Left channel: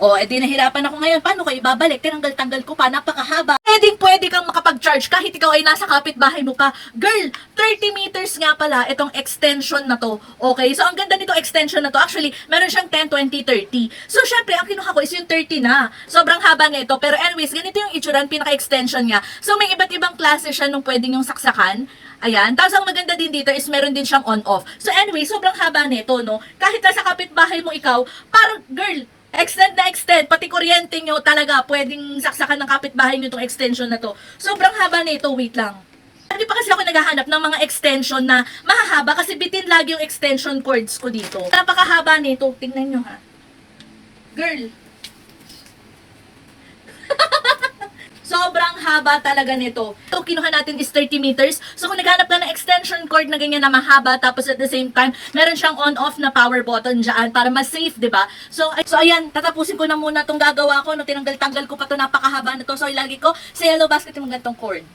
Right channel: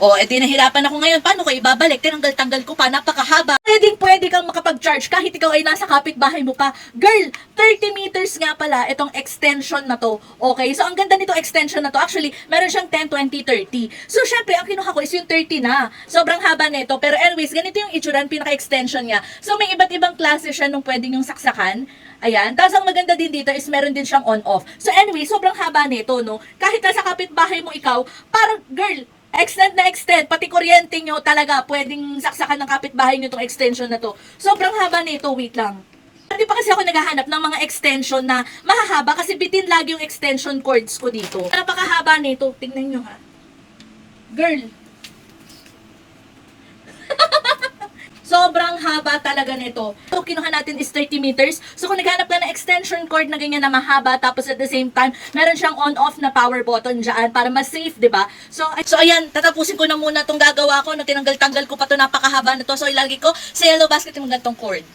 O, edi nahirapan ako ngayon. Paano ko ibabalik? Tinanggal-tanggal ko pa. Napakahaba. Pwede kang makapag-charge kahit ikaw ay nasa kapitbahay mo pa. Girl, 30 meters nga pala itong extension na to. Okay? So, ang ganda nito extension na to. Actually, meron siyang 10, 20, 30. So, syempre, ang kinuha ko is yung 30 na. Sobrang haba nito. Pero anyways, ganito yung itsura, pinaka-extension niya. So, may iba't ibang klase siya nung pwedeng yung saksakan. Ayan. Tapos ang maganda din dito is meron din siyang on-off. So anyway, sobrang haba nito, no? Kahit nasa kapitbahay mo ikaw, parang girl, extend na extend, pati kuryente nyo talaga, pwedeng saksakan ng kapitbahay nyo itong extension na to. Sobrang haba nito, wait lang. Hindi pa kasi ako naghahanap ng mga extension na mahahaba kasi bitin lagi yung extension cords ko dito. Napakahaba nito, tingnan nyo ha. Girl, sobrang haba talaga nito. So, kinuha natin is 30 meters. So, kung naghanap ka ng extension cord na ganyan na mahaba, tapos at the same time, meron siyang on-off na power button dyan para mas safe, di ba? So, ayan, tatapusin ko na muna itong gagawa ko. No, tinanggal-tanggal ko pa ito, napakahaba na to. So, ilagay ko sa yellow basket yung gantong cord.